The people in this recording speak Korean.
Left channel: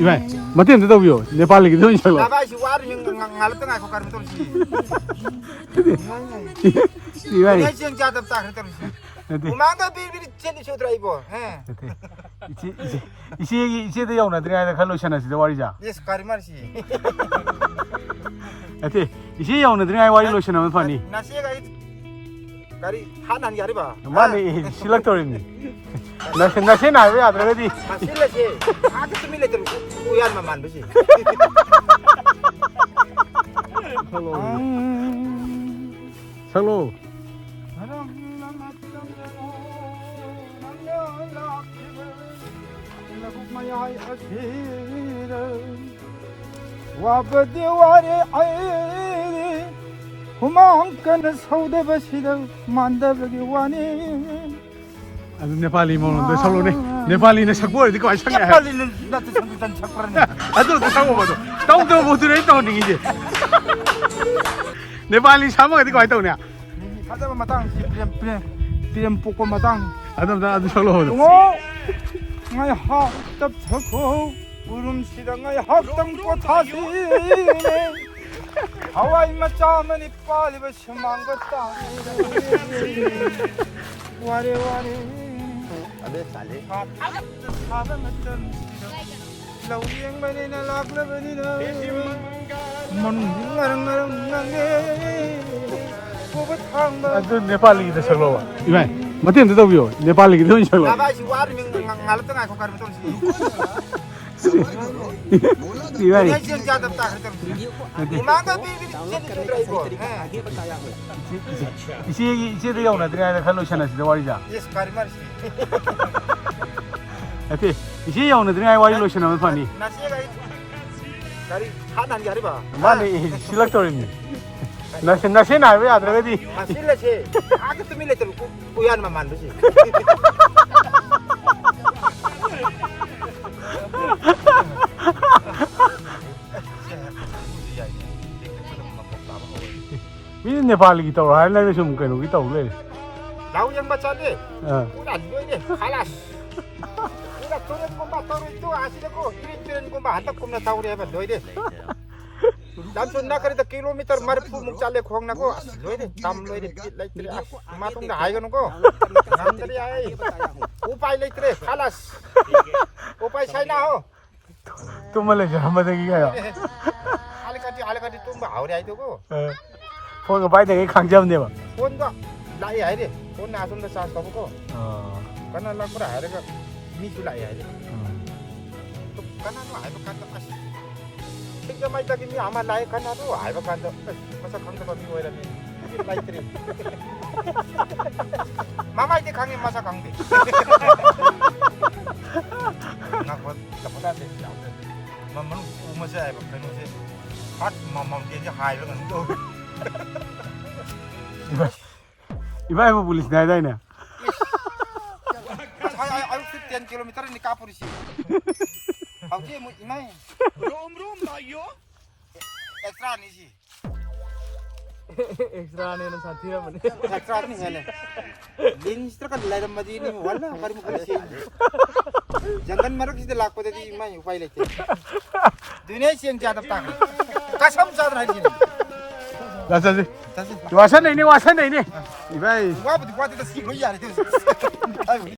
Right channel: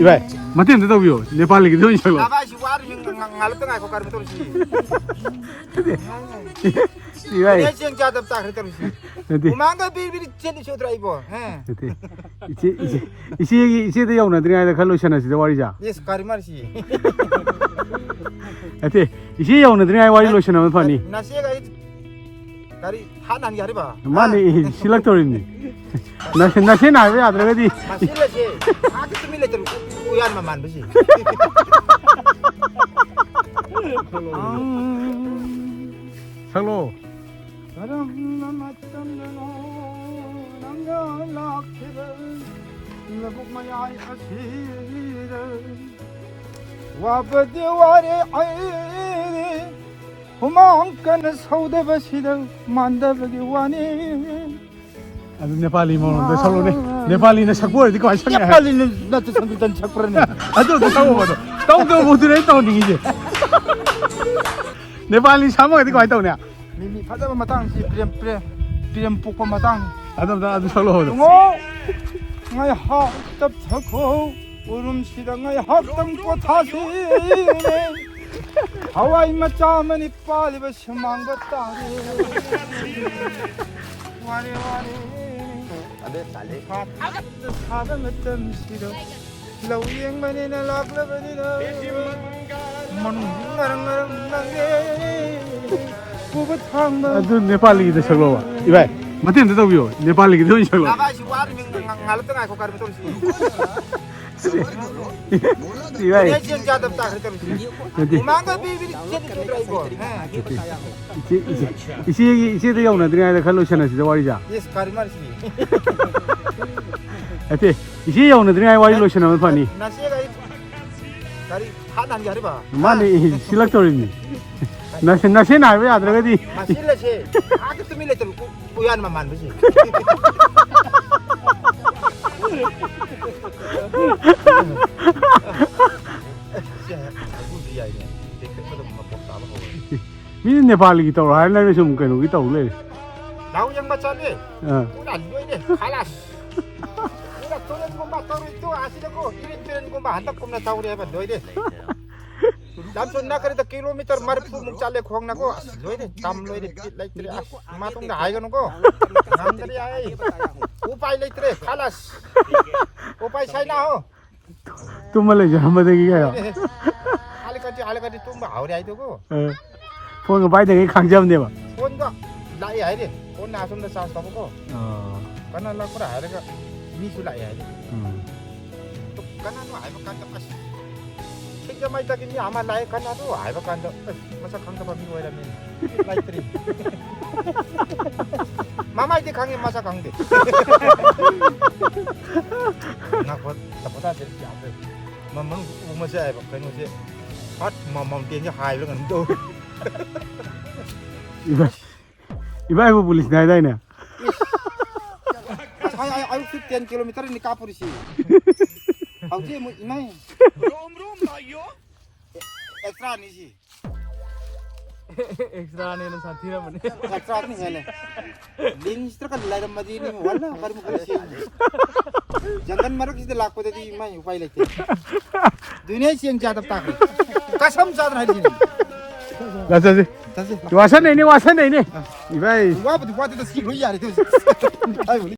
이봐, 맞대 안 되다고요. 네팔 얘기 좀 해줘. 나바시 와르 나를 떠나 거 가는 거지. 이봐, 내 지금 자답 딱 그렇게 그러지. 우마가 비비리 제대로 쳐 드라이버. 해. 이시 대 영나 드라이버 칼로션아 시대 와리자. 예스 가리 말시. 이시 영나 드라이버 와리 로션아 파니. 나시가 가리 하나는 가리 봐. 마네 실락토리니. 나세 나왜 아들아디. 실례지. 아기 실례들 우야만 만드시. hello. 와버디와레 아이 후망끈 서우대버시를 만다버리와니 नेपाली में उनको सब लोग नेपाली ने सबको दिखा ऐसा नहीं नेपाली는 나도 선지단 착그러네 अरे बताओ बताओ तुम तो बोल रहे तो नहीं है नेपाली सामने दिखा ऐसा नहीं 니미 가다가 마당 비렘 뽑고 마당 अदम अभी चलो हो 나의 합답 쳤고 울음시랑의 합담고 다시 하와이 마짜머니 빨리 버시만 것다 와레와레 अबे साले अब तो नेपाली की तो चलो इधर मत इन तो भी हो नेपाली की तो नहीं चलो इधर डाउनलोड करने का सही तरीका आगे बताया हूँ इसी तो यहाँ ना तेरे खालोशन है सिद्ध वाली जा इसी यहाँ ना तेरे वाली लोशन है पानी माने सिलक तोड़नी नशे ना वे आदर गदी 실례지 아기 밀레들 우야만 만드시 ये नेपाली की तो है ना ये सुन के लोग तो ले 나오는 맞잖니 हाँ 안 보이네 칼라스 내가 저런 것만 또 아시고 이런 것만 한다 꿈나 다우리 해봐 너희들 남편 나가는데 킬로미터 머리푸 묵잘래 공나고 너희들 담 너희들 레이트리 마동네 아이가는 거 남들이 아이 오빠이 레이트리 칼라스 오빠이 차이나호 तुम ले जा हम देगी क्या 알까지 또 아우리 아이 되고 फोन का बाई देगी खांग जाम देवा 돈도 나이 아이래 돈 나선도 싸서 보고 kana lai pura air ka ni sila air kana air ka kana tiga mai ta ni ama lai kana tu air ka kana masa khang ka ni ora ni lai tri mama ite khang masa khang di na ko na de mama mo se air ko mo se hat mama dia ni hai lo ni do iba ibu polis dah dah ni 아유 10km ni kapu리시 아우지 뭐 이마이 롬롬 나요 एक्स्ट्रा नहीं जी एक्स्ट्रा ने साथी रा बने एक्स्ट्रा नहीं है लेनी इस तरह का लड़ मजी नहीं हुआ ना हर मुझे से जंगल मरो किसी लाख को दे दी मैं उपाय लेके दुनिया से ज्यादा ताकत कसम साथ रही जी लासे वासन नहीं वासन नहीं भाई वाह तो बात तो स्किप हो यार